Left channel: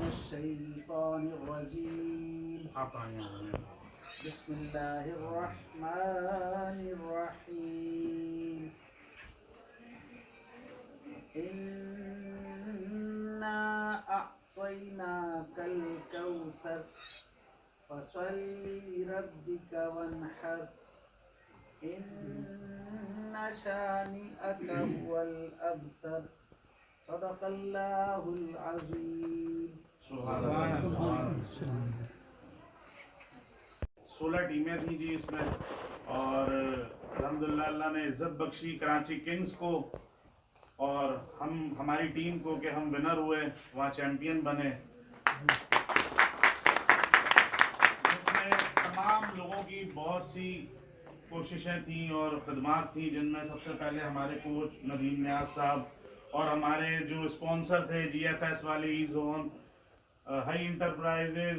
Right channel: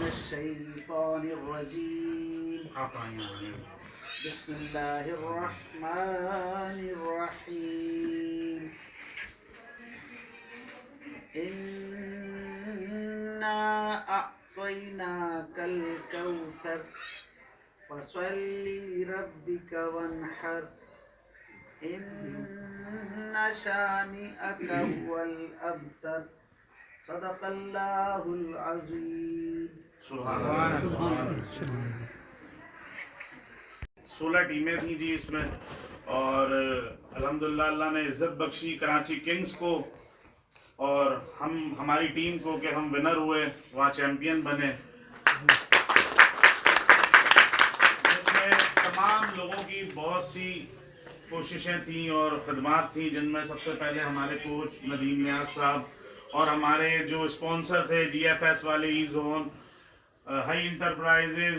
من الشيطان الرجيم. بسم الله الرحمن الرحيم. إنا أعطيناك الكوثر فصل لربك وانحر إن شانئك هو الأبتر. صدق اللہ العظیم. سبحان اللہ. 16 ٹیمیں تھیں جی اس میں، اور الحمدللہ اللہ نے عزت بخشی کراچی کنگز کو اور ہماری ٹیم کو کہ ہم ونر ہوئے، وہاں چیمپئن بنے. اس میں تمام لوگوں کی بہت سی کوششیں تھیں اور خدمات تھیں، جن میں سب سے پہلے ہمارے کوچ ندیم نیاز صاحب اور ہمارے جو اسپانسر تھے جی ایف ایس والے، E zone, high enterprises,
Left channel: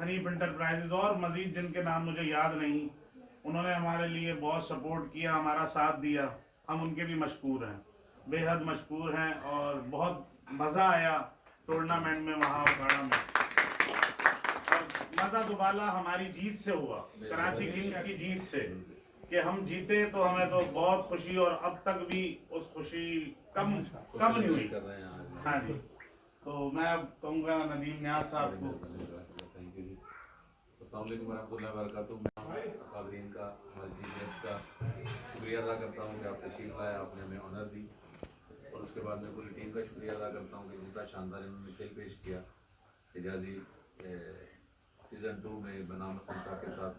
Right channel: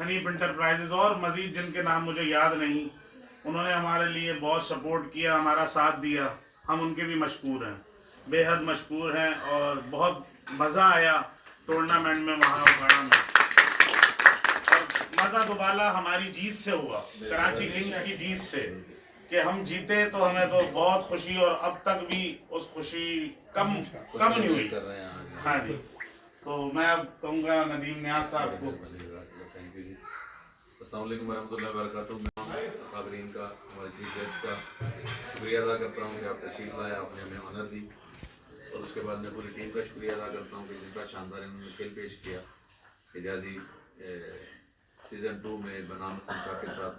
Hanif enterprises اور مزید جن کے نام مجھے یاد نہیں، انہوں نے ہمارے لیے بہت سپورٹ کیا، ہمارا ساتھ دیا. ہم ان کے بھی مشکور ہیں، بے حد مشکور ہیں. اور بہت مزہ آیا ٹورنامنٹ میں وہاں اکھاڑا میں. اور مزہ دوبالا ہماری جیت سے ہوا، کراچی کنگز کی جیت سے، کہ ہم جیتے تو ہمیں تو بہت خوشی، اور اب تک بھی اس خوشی کم نہیں ہوئی. ہاں جی. تو میں اب کہوں گا ندیم نیاز صاحب کو. السلام علیکم ورحمۃ اللہ وبرکاتہ. میں حاضرین کا، ہمارے چیف گیسٹ کا شکریہ ادا کرتا ہوں کہ آپ تشریف لائے، آپ نے ہمیں آنر دی. اور اس کے بعد میں پوری ٹیم کا شکریہ ادا کرتا ہوں کہ جن کا شاندار انہوں نے کھیل پیش کیا. حجازی سیزن 2 میں بنام سمسا کے ساتھ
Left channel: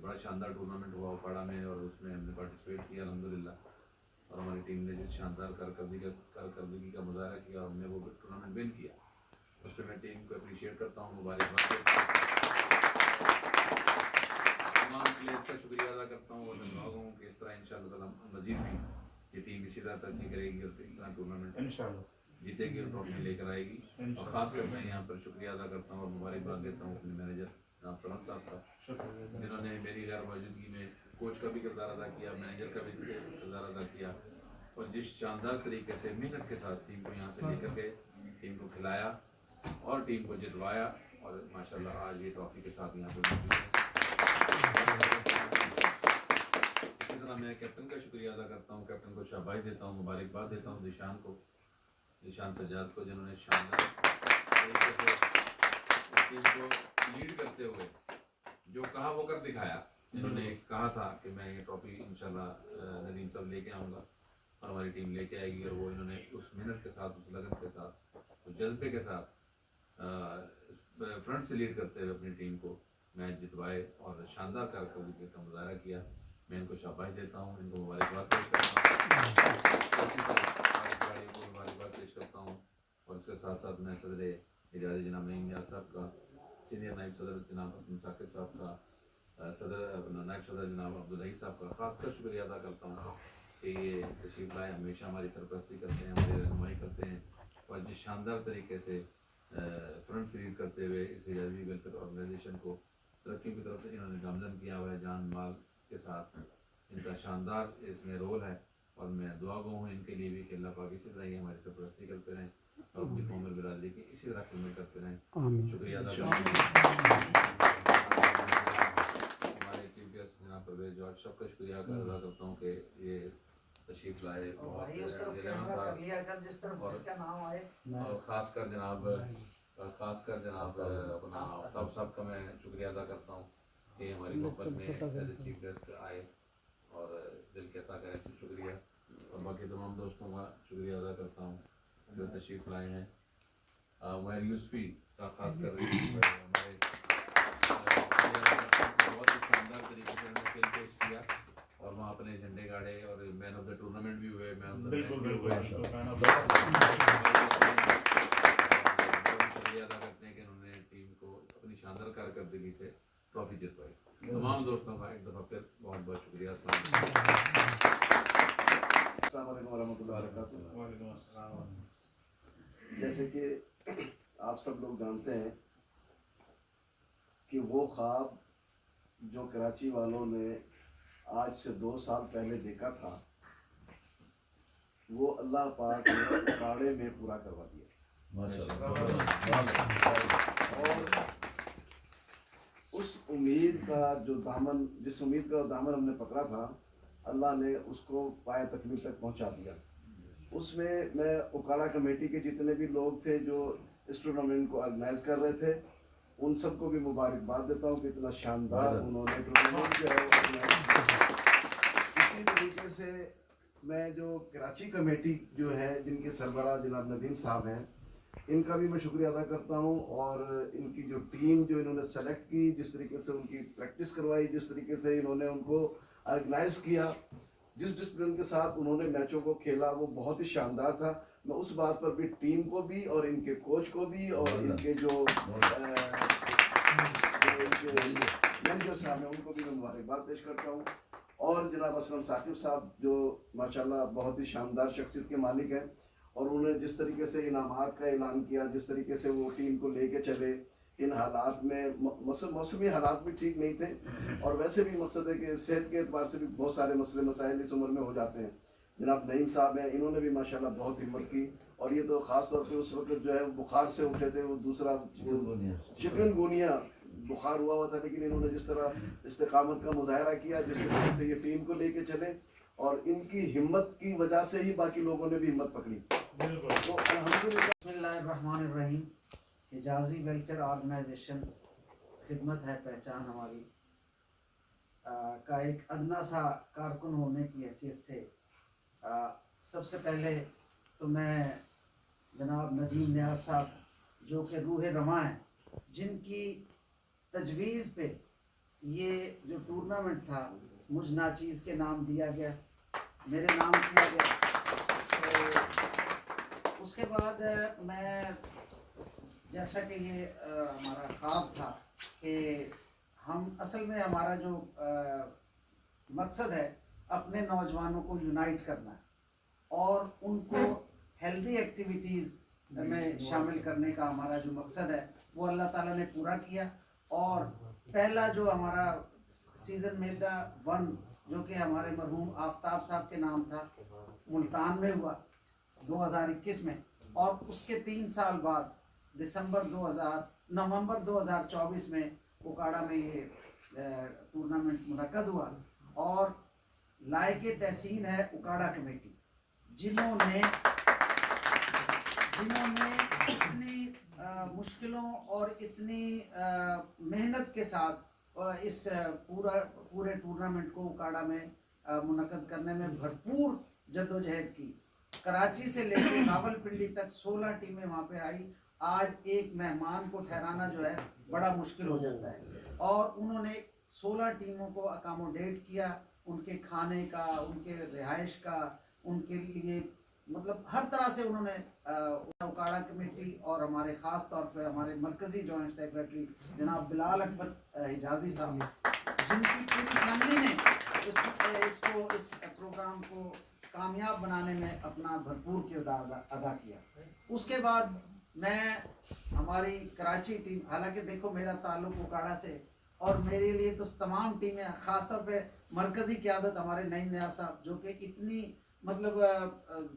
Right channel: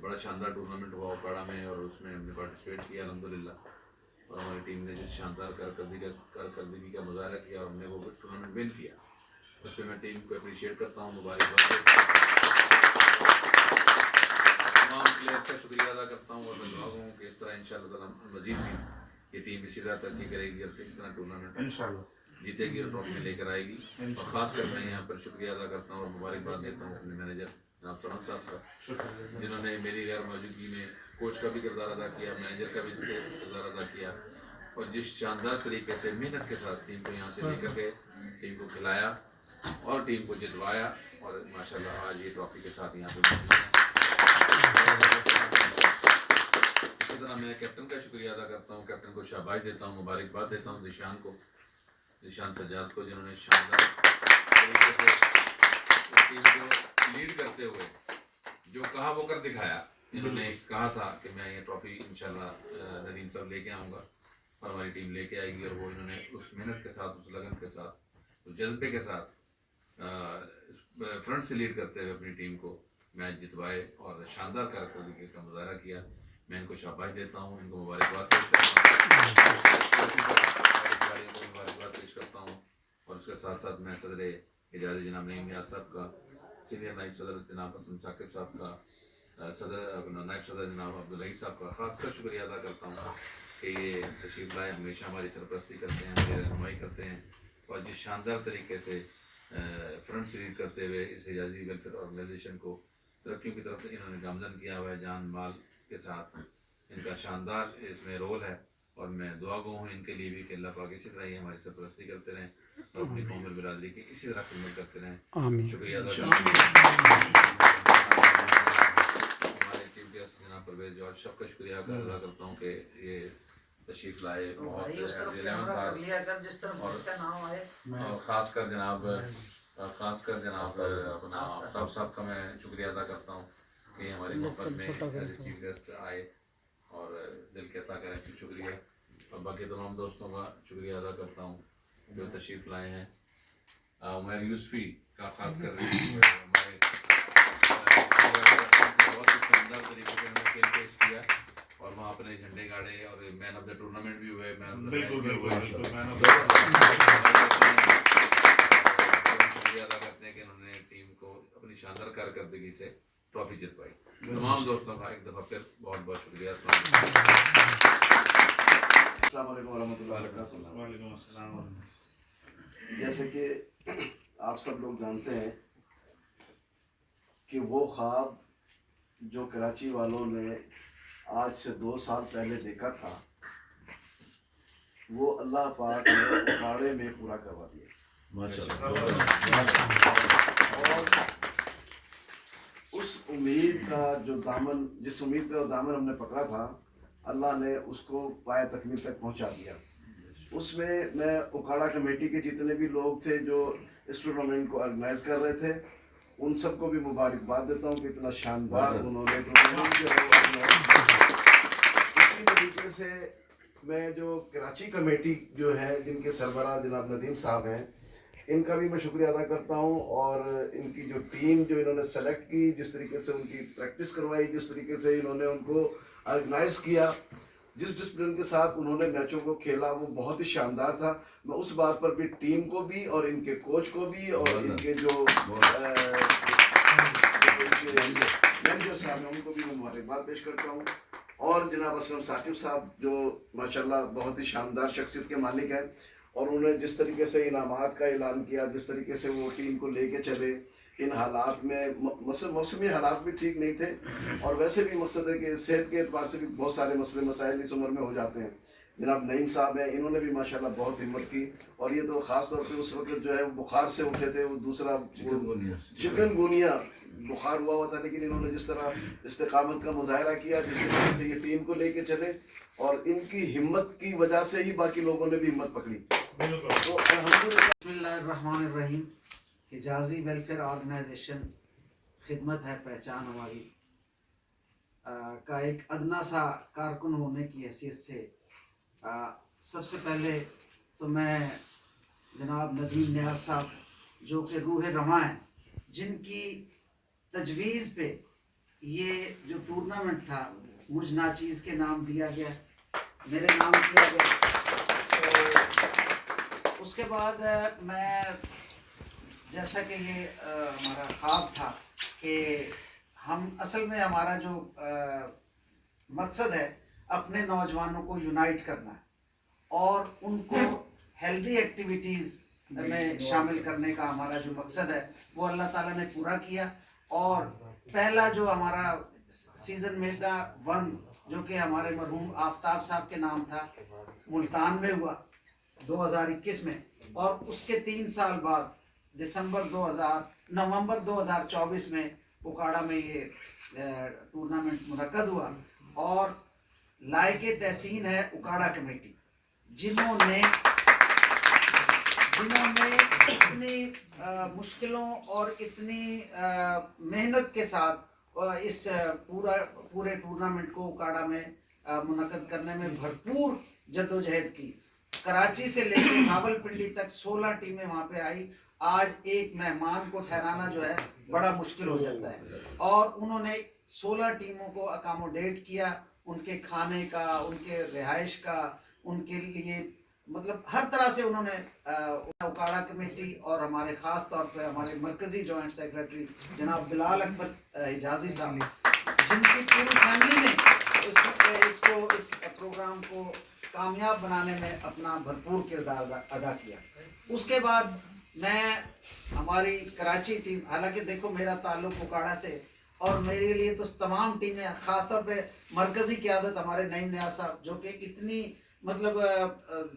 بڑا شاندار ٹورنامنٹ ہوا اکاڑا میں، اور اس میں ہم نے پارٹیسپیٹ کیا الحمدللہ. اور ہماری ٹیم نے جس شاندار کارکردگی کا مظاہرہ کیا، ہم نے وہ ٹورنامنٹ ون کیا. اس پہ میں ٹیم کو اپریشیٹ کرتا ہوں، مبارکباد تمام پلیئرس کا شکریہ ادا کرتا ہوں. اور میں دعا ہوں کہ اس طرح انشاءاللہ تعالیٰ مزید بھی یہ ٹیم اسی طرح ترقی کرے گی اور اس طرح ٹورنامنٹ جیتے گی اور ٹرافی لے کر آئے گی. اور خاص کر میں یہاں پر شکریہ ادا کرتا ہوں اور مبارکباد دیتا ہوں اپنے مینیجر جناب سمن صاحب کا، جنہوں نے میری غیر موجودگی میں کوچ کا بھی کردار ادا کیا، مینیجر کا بھی کردار ادا کیا، اور جس شاندار طریقے سے محنت کے ساتھ ٹیم کو یہاں سے لے کر کے ٹیم کو کھلایا اور ٹیم کو جتوایا، اور ماشاءاللہ آج یہ ٹرافی کے ساتھ یہاں پہ موجود ہیں. اسی طرح میں کیپٹن کا شکریہ ادا کرتا ہوں، کیپٹن کو شاباش دیتا ہوں، مبارکباد دیتا ہوں ذیشان سجاد کو، جنہوں نے شاندار طریقے سے اس ٹیم کو لیڈ کرتے ہوئے جو کہا وہ کر دکھایا. انہوں نے کہا تھا کہ میں یہ ٹرافی انشاءاللہ ندیم صاحب لے کے آؤں گا، اور ہماری ٹیم لے کے آئے گی. اور وہ انہوں نے اس محنت کے ساتھ، اس لگن کے ساتھ، اس جذبے کے ساتھ فرنٹ سے لیڈ کرتے ہوئے اپنی ٹیم کو میچ جتوائے اور شاندار کارکردگی کا مظاہرہ کیا. میں ان کو شاباش دیتا ہوں، ان کو مبارکباد پیش کرتا ہوں. اور اس کے ساتھ ساتھ میں صدر اعزازی جناب نعیم نیاز صاحب کا، سینئر نائب صدر جناب اسلم ثاقب صاحب کا، نائب صدر جناب عبدالعی صاحب کا خاص کر شکریہ ادا کرتا ہوں کہ یہ تشریف لائے، ہمیشہ ہماری سرپرستی کرتے ہیں، ہماری رہنمائی کرتے ہیں، اور جس شاندار طریقے سے فرنٹ سے لیڈ کرتے ہوئے اس حجازی ویلفیئر آرگنائزیشن کو ترقیوں کی طرف انہوں نے گامزن کیا ہوا ہے جان مال کے ساتھ. ان کا شاندار اس میں رول ہے، اور میں دعا گو ہوں ان کے لیے بھی کہ اللہ پاک اسی طرح ہی ہماری سرپرستی کرتے رہیں اور اپنی قوم اور برادری کی اسی طرح خدمت کرتے رہیں. شکریہ ادا کرتا ہوں. ہمارے چیف گیسٹ جناب پرویز جوہر صاحب کا شکریہ ادا کرتا ہوں کہ یہ تشریف لائے، اور خاص کر جناب اپنا آفتاب صاحب کا میں شکریہ ادا کرتا ہوں کہ ہماری محبت میں چیف گیسٹ آئے اور دل کہتا کریں شکریہ. اور باقی تمام دوستوں کا شکریہ ادا کرتا ہوں جو تشریف لائے ہیں. عمیر یوسفی کا خاص کر ہمارے بہت ہی شاندار طریقے سے انہوں نے کھیل پیش کیا، اور وہاں اپنے جھنڈے گاڑے، اور مین آف دا ٹورنامنٹ بھی ہوئے، مین آف دا میچ بھی ہوئے. شکریہ ادا کرتے ہیں کہ انہوں نے ٹیم کو اپنی شاندار کارکردگی سے ٹرافی جتوائی. تمام دوستوں کا ایک دفعہ پھر بہت بہت شکریہ. السلام علیکم ورحمۃ اللہ وبرکاتہ. وعلیکم السلام. جیسے کہ آپ سب لوگ جانتے ہیں کہ وہ خواب جو کراچی والوں نے آج سے 2 سال پہلے دیکھا تھا، وہ اللہ پاک نے اکھاڑے میں پورا کروا دیا. اور اس امید کا جو دامن، جس امید کا دامن ہم نے پکڑا تھا، اللہ نے اس کو پایہ تکمیل تک پہنچا دیا. اس میں اکاڑا کمیٹی کے جتنے بھی لوگ تھے جو اس ٹورنامنٹ کو آرگنائز کر رہے تھے، ان سب کو بھی مبارکباد دیتا ہوں کہ اتنا شاندار انہوں نے ٹورنامنٹ کیا. اسی طریقے سے میں جو کراچی کمیٹی جو ہے، جن کے سربراہ جناب ندیم صاحب ہیں، ان کا بھی میں شکریہ ادا کرتا ہوں. اور ان کی جو ٹیم جو انہوں نے سلیکٹ کی، جس طریقے سے ان کی پریکٹس کروائی، جس طریقے سے انہوں نے ان کو آرگنائز کیا، جس ڈسپلن کے ساتھ انہوں نے میچوں کو کھیلا، وہ بہت ہی شاندار تھا. میں اس بات پر بھی ٹیم کو بھی اور ان کے کوچ کو بھی اور ان کے جو مینیجر صاحب ہیں ان کو بھی میں مبارکباد پیش کرتا ہوں. اور جناب اسلم ثاقب صاحب جو ماشاءاللہ بہت ہی شاندار شخصیت کے مالک ہیں، اور انہوں نے جس طریقے سے انعامات کا اعلان کیا، جس طریقے سے وہ ٹیم کو لے کے چلے ان حالات میں، موسمی حالات بھی ٹھیک نہیں تھے، اور ویسے بھی مقصد ہے کہ صحت کے اعتبار سے بھی بہت سارے مسئلے مسائل اس عمر میں ہو جاتے ہیں. جناب نعیم صاحب ہیں، انہوں نے بھی ماشاءاللہ بہت ہمت کی. اور یہ تو خاص طور پہ اس وقت جو ہے بخار سے اٹھے تھے، وہ دوسرا چکن گونیا بخار ہوا تھا، لیکن انہوں نے جس طرح استقامت کا مظاہرہ کیا، جس طریقے سے یہ ٹیم کو لے کے چلے، اور ان کی ہمت کی وجہ سے ہی باقی لوگوں نے بھی ہمت پکڑی. تو الحمدللہ. بسم اللہ الرحمن الرحیم. حجازی ویلفیئر آرگنائزیشن خدمت ہے پہچان ہماری کا ایک ادنا سا کارکن ہونے کی حیثیت سے سب سے پہلے تو میں جناب ندیم نیاز صاحب جو کہ روح رواں ہیں، جن کی تجویز پہ یہ جو ٹورنامنٹ تھا مجھ ناچیز کے نام دیا گیا، میرے نام کیا گیا. تو اس کے بعد میں جیسا کہ یہ ہمارا خواب تھا کہ ہم اصل میں ہمارا جو مقصد ہے اپنے نوجوانوں کو یونائٹ کرنا ہے اور ان کو ہیلدی ایکٹیویٹیز میں شامل کرنے کا ہمارا جو مقصد ہے وہ اللہ تعالیٰ نے پورا کیا. اور پہلا جو ہمارا سیزن میگا 1 جو کہ ہمارے مرحوم آفتاب صاحب کے نام تھا، ملتان میں ہوا 2021 میں، اور اس کے 3 سال بعد نومبر 2024 میں اکاڑا میں یہ ٹورنامنٹ منعقد ہوا. اور لائق تحسین ہے اکاڑا کمیٹی، جنہوں نے اتنی مشکلوں اور اتنی محنت کے ساتھ اس پورے ٹورنامنٹ کو اکاڑا میں منعقد کرنے میں بھرپور جدوجہد کی. کراچی سے لے کے راول پنڈی تک 16 ٹیمیں وہاں پہ آئی. آج ایک مہمان کو ٹھہرانا جو ہے بڑا مشکل ہو جاتا ہے، اور انہوں نے 16 ٹیموں کو اکاموڈیٹ کیا، ان کے کھانے کا، ان کے رہائش کا، ان کے لیے مطلب ہر طرح سے انہوں نے اکاڑا کمیٹی اور ہمارے خاص طور پہ ہمارے مرکزی جوائنٹ سیکرٹری جناب بلال اکبر حجازی صاحب، جن کی پوری فیملی نے اس پروگرام کو کامیاب بنانے میں اپنا بھرپور کردار ادا کیا. اس کے بعد میں ہماری کراچی ٹیم، حالانکہ دیکھو میرا تعلق اکاڑا سے، اور میرے لیے تو تمام ٹیمیں، خاص طور پہ مرکزی قیادت ہمارے نعیم نیاز صاحب جو کہ اتنی مطلب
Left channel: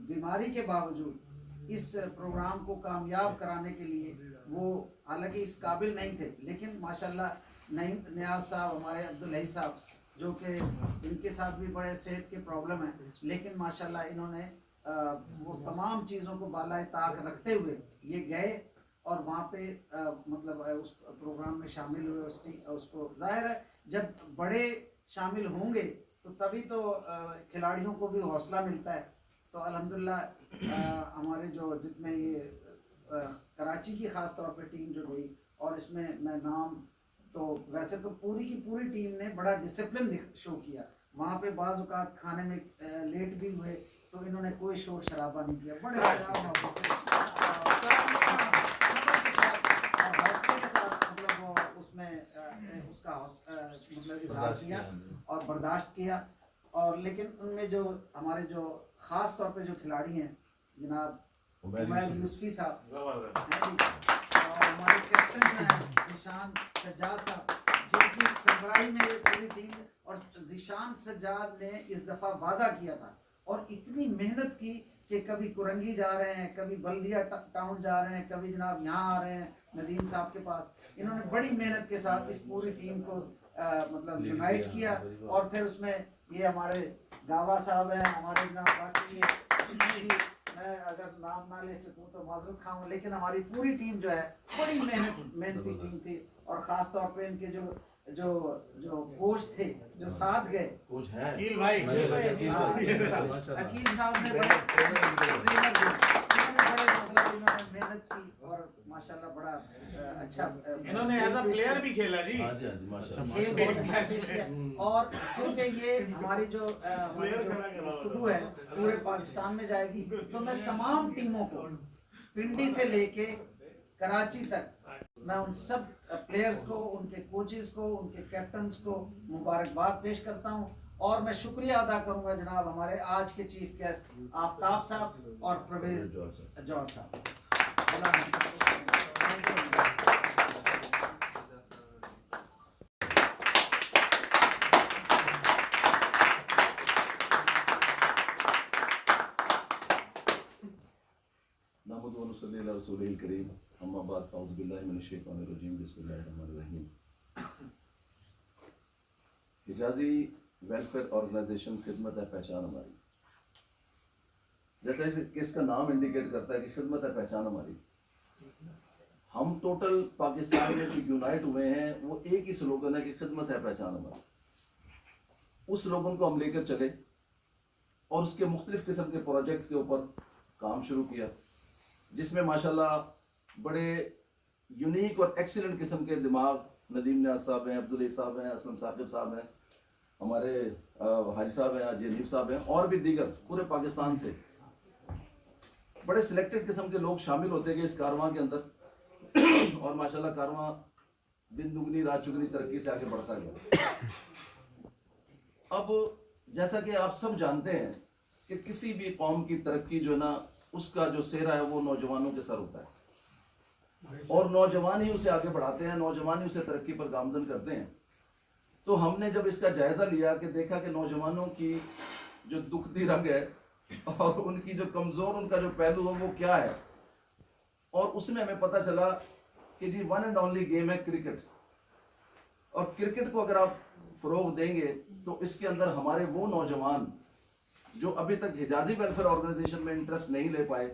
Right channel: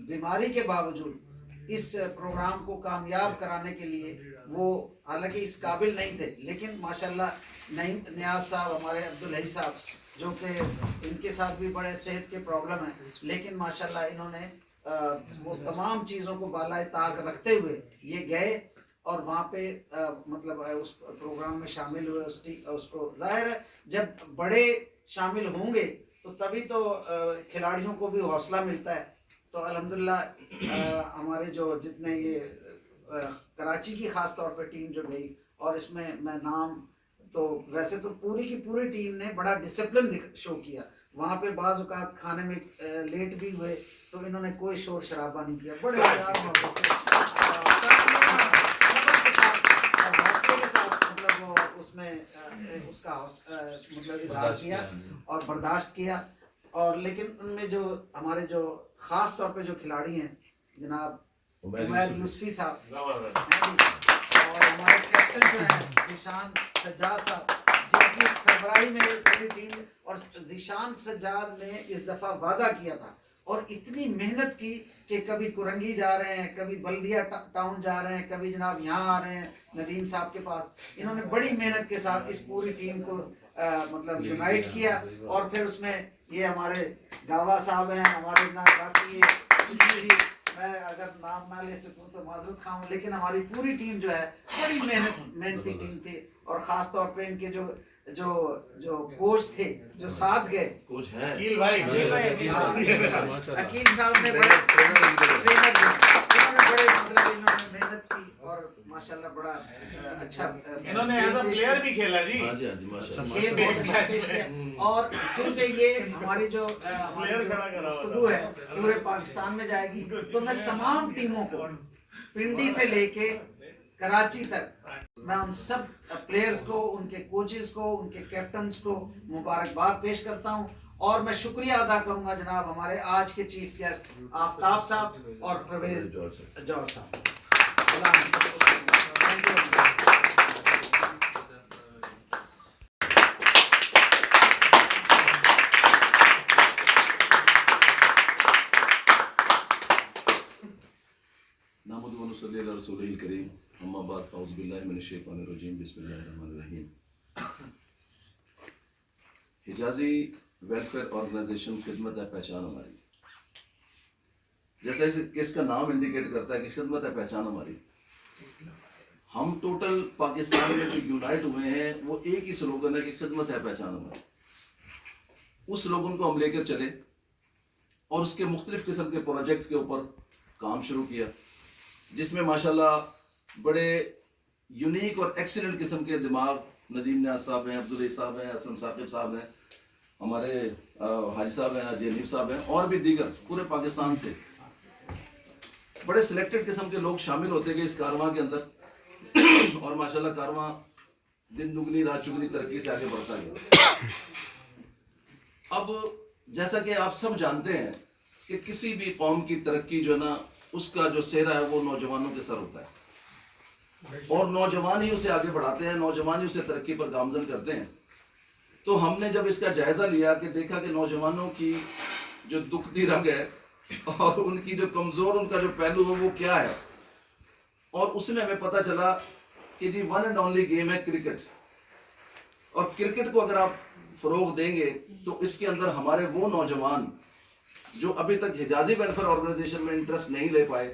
بیماری کے باوجود اس پروگرام کو کامیاب کرانے کے لیے وہ حالانکہ اس قابل نہیں تھے، لیکن ماشاءاللہ نعیم نیاز صاحب، ہمارے عبدالحی صاحب جو کہ ان کے ساتھ بھی بڑے صحت کے پرابلم ہیں، لیکن ماشاءاللہ انہوں نے وہ تمام چیزوں کو بالائے طاق رکھتے ہوئے یہ گئے اور وہاں پہ مطلب اس پروگرام میں شامل ہوئے. اس کو ظاہر ہے جب بڑے شامل ہوں گے تو تبھی تو کھلاڑیوں کو بھی حوصلہ ملتا ہے. تو الحمدللہ ہمارے جو جتنے یہ کراچی کی خاص طور پہ ٹیم جو گئی، اور اس میں نام تو ویسے تو پوری کی پوری ٹیم نے بڑا ڈسپلن شو کیا. وہاں پہ بعض اوقات کھانے میں لیٹ بھی ہوئے تو انہوں نے کوئی شور شرابہ نہیں کیا، بڑے حوصلے کے ساتھ مطلب اس میں اس کا مطلب اظہار کیا اور برداشت کیا. اور لیکن ان میں جو ہمارے جو خاص طور پہ جو کھلاڑی ہیں جناب عمیر یوسفی صاحب اور ہمارے کیپٹن جو ہیں ذیشان سجاد صاحب، جن کی سربراہی میں پوری ٹیم، اور ذیشان سجاد نے اس دفعہ وعدہ کیا تھا اور اتنی محنت کی کہ کبھی کرنگی جا رہے ہیں, کبھی بلدیہ ٹاؤن جا رہے ہیں, کبھی جناب یہاں آ رہے ہیں ندیم صاحب کے پاس. انہوں نے بڑی محنت کے ساتھ اس پوری ٹیم کو مطلب یونائٹ کیا, اور پھر اس میں یہ ہمارے گاوا صاحب ہیں, ہمارے جناب باقی یہ بھی, میں اگر نام نہ لے سکوں تو معذرت خواہ ہوں, لیکن ہماری پوری ٹیم جو ہے بڑی محنتی ٹیم تھی. اور خاص طور پہ ان کے جو کوچ تھے جو ساتھ گئے, کوچ ہیں عقیل بھائی, عقیل صاحب نے بڑے ٹرینر تھے, انہوں نے بڑے مطلب انہوں نے محنت کی اور ماشاءاللہ بڑا اچھا انہوں نے ایز اے پلیئر بھی کھیلا جی. ہاں جی ہاں جی ماشاءاللہ کھیل بہت اچھا پیش کیا. اور کیونکہ یہ ہماری جو گفتگو ہے پورے پاکستان میں جائے گی, تو میں تمام ٹیموں کو پنڈی سے لے کے کراچی تک میں ان سب پلیئرز کو, ان کے کوچز کو, ان کے کیپٹنز کو مبارکباد پیش کرتا ہوں. اور میں شکریہ ادا کروں گا جناب ہمارے آج کے چیف گیسٹ آفتاب صاحب اور پرویز جوہر صاحب. Thank you. نحمد و نصلی علی رسول الکریم اما بعد فاعوذ باللہ من الشیطان الرجیم بسم اللہ الرحمن الرحیم. حجازی ویلفیئر آرگنائزیشن خدمت ہے پہچان ہماری, جیسے کہ اس کا نام انڈیکیٹ کرتا ہے کہ خدمت ہے پہچان ہماری. ہم ٹوٹل پاکستان میں جو یونائٹ ہوئے ہیں وہ ایک ہی سلوگن ہے کہ خدمت ہے پہچان ہماری. اس سلوگن کو ہم لے کر چلے اور اس کے مختلف قسم کے پروجیکٹ کے اوپر کام شروع کیا, جس میں ماشاءاللہ بڑے یونیک اور ایکسیلنٹ قسم کے دماغ ندیم نیاز صاحب ہیں, عبدالعزیز صاحب ہیں, اسلم ثاقب صاحب ہیں, ہمارے حاجی صاحب ہیں, حاجی حنیف صاحب ہیں, اور بھی دیگر پورے پاکستان سے بڑے سلیکٹڈ قسم کے لوگ شامل ہوتے گئے اس کارواں کے اندر. اور ماشاءاللہ کارواں دن دگنی رات چگنی ترقی سے آگے بڑھتا گیا. اب جیسا کہ آپ سب جانتے ہیں کہ کسی بھی قوم کی ترقی جو ہے نا, اس کا جو سہرا ہے وہ نوجوانوں کے سر ہوتا ہے, اور نوجوان ہی اسے آگے بڑھاتے ہیں, نوجوان ہی اسے ترقی پر گامزن کرتے ہیں. تو ہم نے جب اس کا جائزہ لیا کہ دیکھا کہ نوجوانوں کی جو دکھتی رنگ ہے اور ان کی جو کمزور ان کا جو پہلو ہے وہ کیا ہے, اور اس میں ہمیں پتہ چلا کہ جی ون اینڈ اونلی گیم ہے کرکٹ. اور کرکٹ کو اگر آپ فروغ دیں گے تو اس کے اندر ہمارے وہ نوجوان جو ابھی تک حجازی ویلفیئر آرگنائزیشن میں انٹرسٹ نہیں لے پائے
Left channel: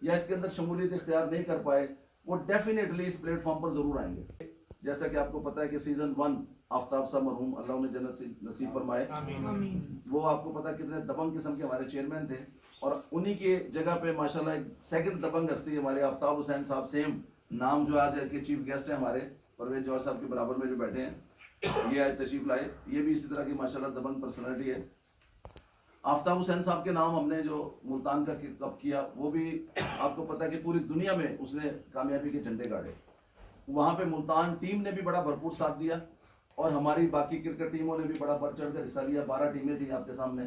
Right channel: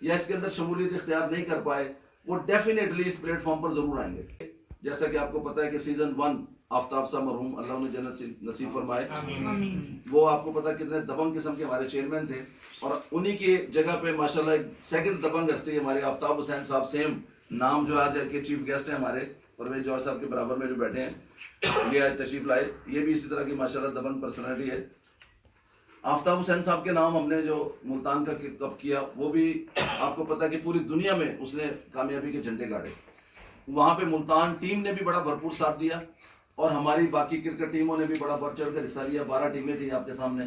یا اس کے اندر شمولیت اختیار نہیں کر پائے, وہ ڈیفینیٹلی اس پلیٹ فارم پر ضرور آئیں گے. جیسا کہ آپ کو پتہ ہے کہ سیزن 1 آفتاب صاحب مرحوم اللہ انہیں جنت نصیب فرمائے, وہ آپ کو پتہ ہے کتنے دبنگ قسم کے ہمارے چیئرمین تھے, اور انہی کی جگہ پہ ماشاءاللہ ایک سیکنڈ دبنگ ہستی ہمارے آفتاب حسین صاحب, سیم نام جو آج کے چیف گیسٹ ہیں ہمارے پرویز جوہر صاحب کے برابر میں جو بیٹھے ہیں, یہ آج تشریف لائے, یہ بھی اسی طرح کی ماشاءاللہ دبنگ پرسنالٹی ہے. آفتاب حسین صاحب کے نام ہم نے جو ملتان کا کپ کیا, وہ بھی آپ کو پتہ ہے کہ پوری دنیا میں اس نے کامیابی کے جھنڈے گاڑے. وہاں پہ ملتان ٹیم نے بھی بڑا بھرپور ساتھ دیا, اور ہماری باقی کرکٹ ٹیموں نے بھی بڑا بڑھ چڑھ کر حصہ لیا. 12 ٹیمیں تھیں آپ کے سامنے,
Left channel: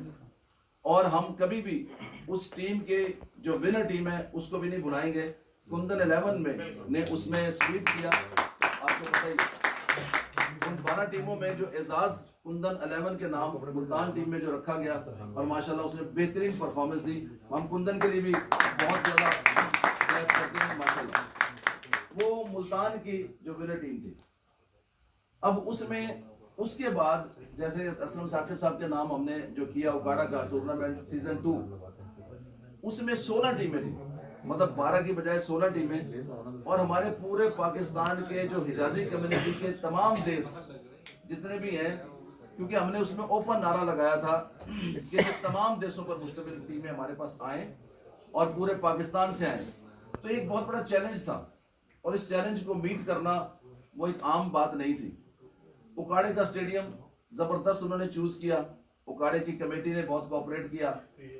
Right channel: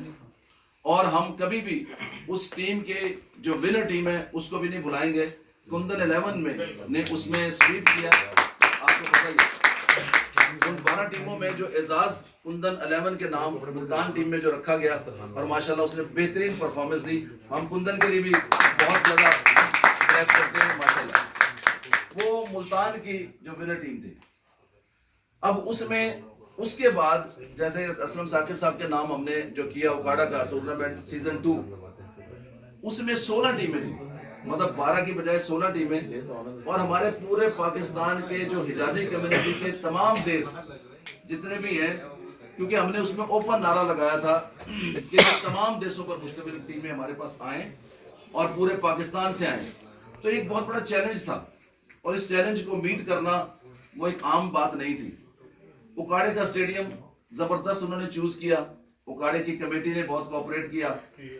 اور ہم کبھی بھی اس ٹیم کے جو ونر ٹیم ہے اس کو بھی نہیں بلائیں گے. کندن 11 میں نے اس میں سویپ کیا, آپ کو پتہ ہی ان 12 ٹیموں میں جو اعزاز کندن 11 کے نام ملتان ٹیم میں جو رکھا گیا, اور ماشاءاللہ اس نے بہترین پرفارمنس دی. ہم کندن کے لیے بھی بہت زیادہ کریپ کرتے ہیں ماشاءاللہ. وہ ملتان کی جو ونر ٹیم تھی. اب اس میں اس کے بعد جیسے اسلم ثاقب صاحب کے نام ہم نے جو کیا اوکاڑا کا ٹورنامنٹ سیزن 2, اس میں 16 ٹیمیں تھیں, مطلب 12 کی بجائے 16 ٹیمیں, اور ہمارے پورے پاکستان کے جو حجازی کمیونٹی کے تمام دیس جتنے بھی ہیں, کیونکہ ہم نے اس میں اوپن نعرہ لگایا تھا کہ تمام دیسوں پر مشتمل ٹیمیں ہمارے پاس آئیں اور پورے پاکستان سے آئیں. تو ایک بہت بڑا چیلنج تھا, اور اس چیلنج کو میٹ کرنا وہ ایک عام بات نہیں تھی. اکاڑے کا اسٹیڈیم زبردست انہوں نے چوز کیا, اکاڑے کی کمیٹی نے بہت کوآپریٹ کیا,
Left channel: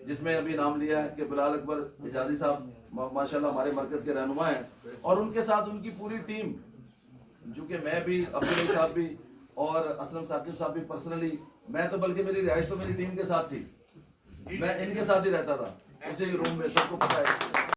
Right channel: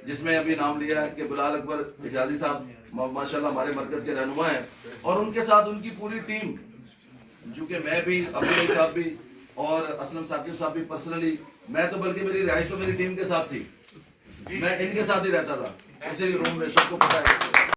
جس میں ابھی نام لیا کہ بلال اکبر حجازی صاحب ماشاءاللہ ہمارے مرکز کے رہنما ہیں, اور ان کے ساتھ ان کی پوری ٹیم, جو کہ میں بھی, عبدالعزیز صاحب بھی, اور اسلم ثاقب صاحب بھی پرسنلی, میں تو بلکہ میری رہائش تو میری ٹیم کے ساتھ تھی, میں ان کے ساتھ ہی رہتا تھا اسی روم میں, سب کو پتہ ہے.